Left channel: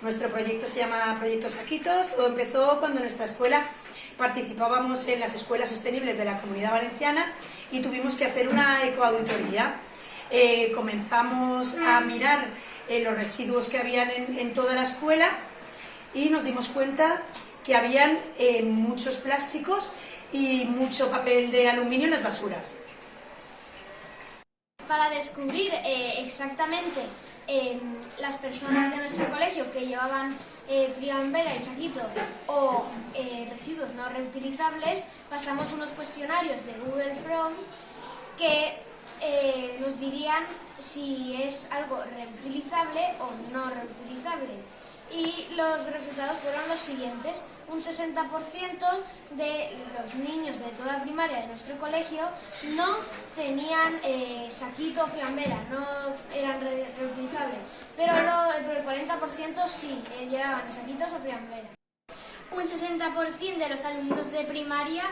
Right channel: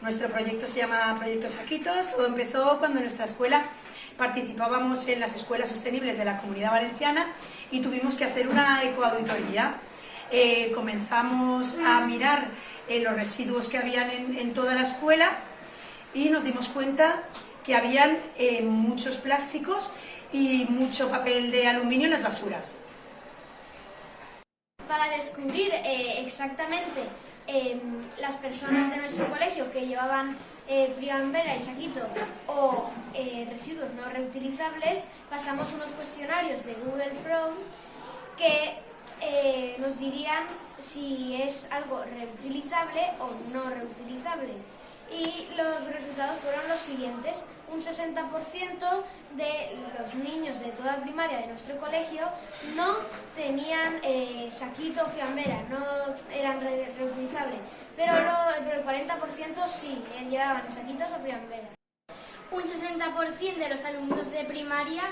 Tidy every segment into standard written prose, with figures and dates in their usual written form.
Nuestro proyecto se llama Proyecto Saquitos. Todo empezó cuando en nuestra escuela participábamos en las escuelas sostenibles de la Comunidad Valenciana y tuvimos que hacer una ecoauditoría. Comenzamos a mirar los residuos que habían en toda la escuela y nos dimos cuenta que habían muchos plásticos y mucho papel de aluminio en las basuras. Para descubrir exactamente las personas de nuestro colegio que llevaban friambera y saquito o residuos no reutilizables, pasamos unos cuestionarios de Google Form que nos dirían si es algo reutilizable o no reutilizable. Y los resultados fueron los siguientes. Un 60% de los niños de toda primaria de nuestro colegio no tenían saquito o fiambera, no eran reutilizables, pero el 40% sí llevaban saquitos o fiambera. Un 60% de los alumnos de primaria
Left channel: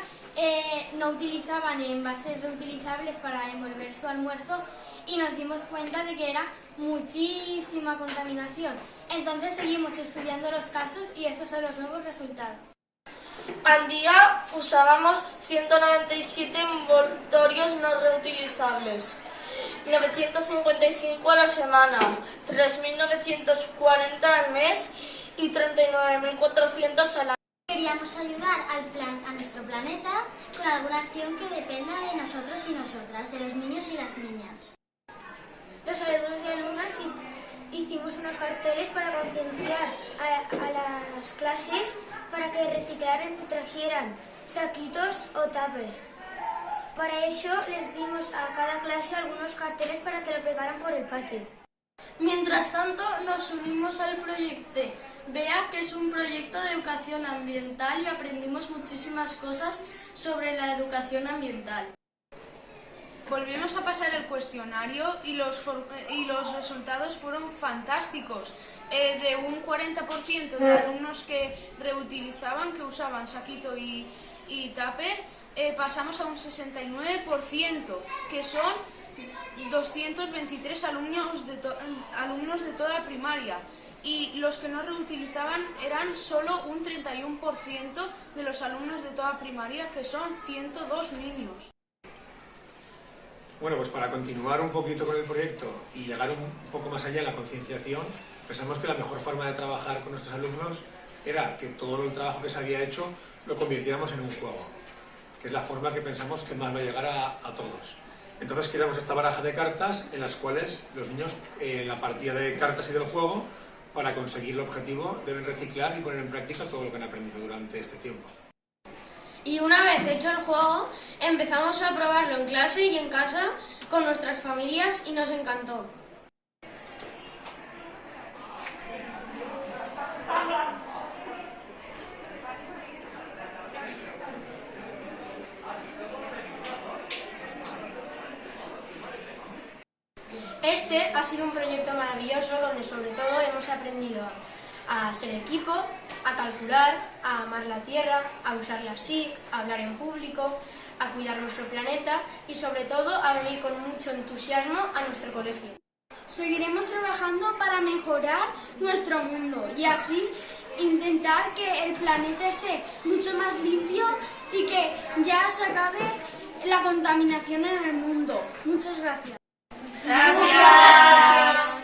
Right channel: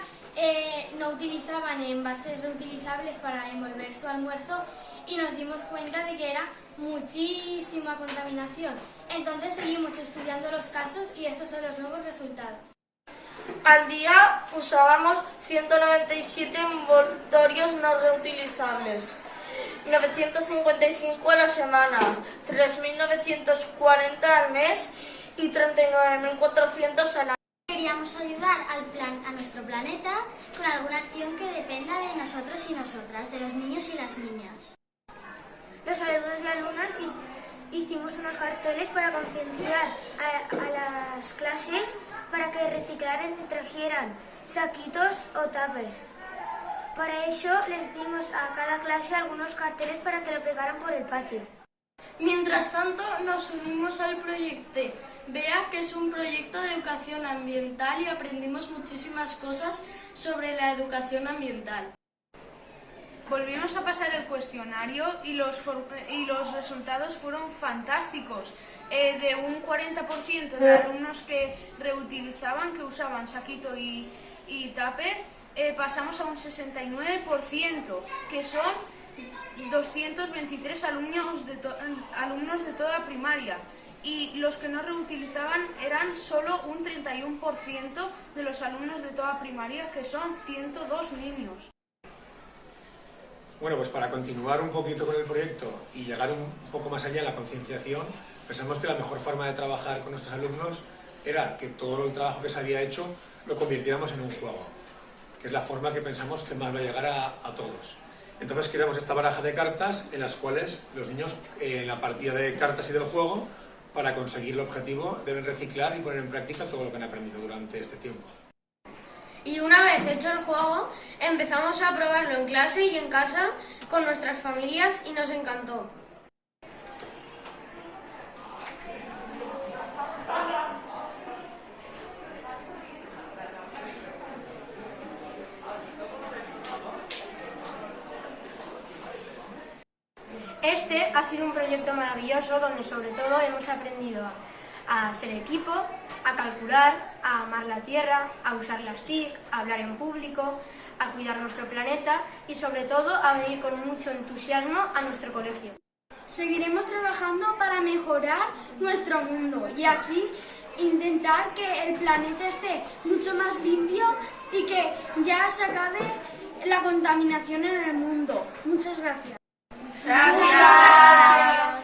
no utilizaban envases reutilizables para envolver su almuerzo y nos dimos cuenta de que era muchísima contaminación. Entonces seguimos estudiando los casos y estos son los nuevos resultados. Al día usábamos 197 envoltorios no reutilizables, 955 a la semana, 3.940 al mes y 39.400 al año. Queríamos ayudar a nuestro planeta con alguna acción que dependa de nosotros y nosotras, de los niños y las niñas. Los alumnos y alumnas hicimos unos carteles para concienciar a las clases para que reciclaran y trajeran saquitos o tapes. Para eso les dimos a cada clase algunos carteles para que lo pegaran por el patio. Mientras tanto, nos unimos al proyecto BEA, que es un proyecto de educación ambiental, y aprendimos muchísimas cosas sobre la educación ambiental. Volvimos a pasar el cuestionario y los resultados fueron fantásticos. De un 40% de alumnos que reutilizaban, que usaban saquito y tupper, pasamos a un 69%, que son 223 alumnos de toda primaria. Y los que no reutilizaban eran solo un 31% de los alumnos de toda primaria, que son 102 niños. Bueno, pues para continuar un poquito con el proyecto y llegar un poco más allá en la concienciación, pensamos que la mejor forma de trabajar con nuestros alumnos era que todo el trabajo que se había hecho lo convirtiéramos en un juego, que es la forma que pensamos que más va a llegar a todos. Entonces creamos esta baraja de cartas en las cuales los niños, en la partida de cartas y del juego, para conseguir el objetivo, deben reciclar y poner en práctica todo lo que han aprendido durante este tiempo. Y una vez hecho el juego, empezamos a probarlo en clase y en casa con nuestras familias y nos encantó. Este ha sido un proyecto maravilloso donde sobre todo hemos aprendido a ser equipo, a calcular, a amar la tierra, a usar las TIC, a hablar en público, a cuidar nuestro planeta y sobre todo a venir con mucho entusiasmo a nuestro colegio. Seguiremos trabajando para mejorar nuestro mundo y así intentar que el planeta esté mucho más limpio y que ya se acabe la contaminación en el mundo. Muchas gracias. Gracias.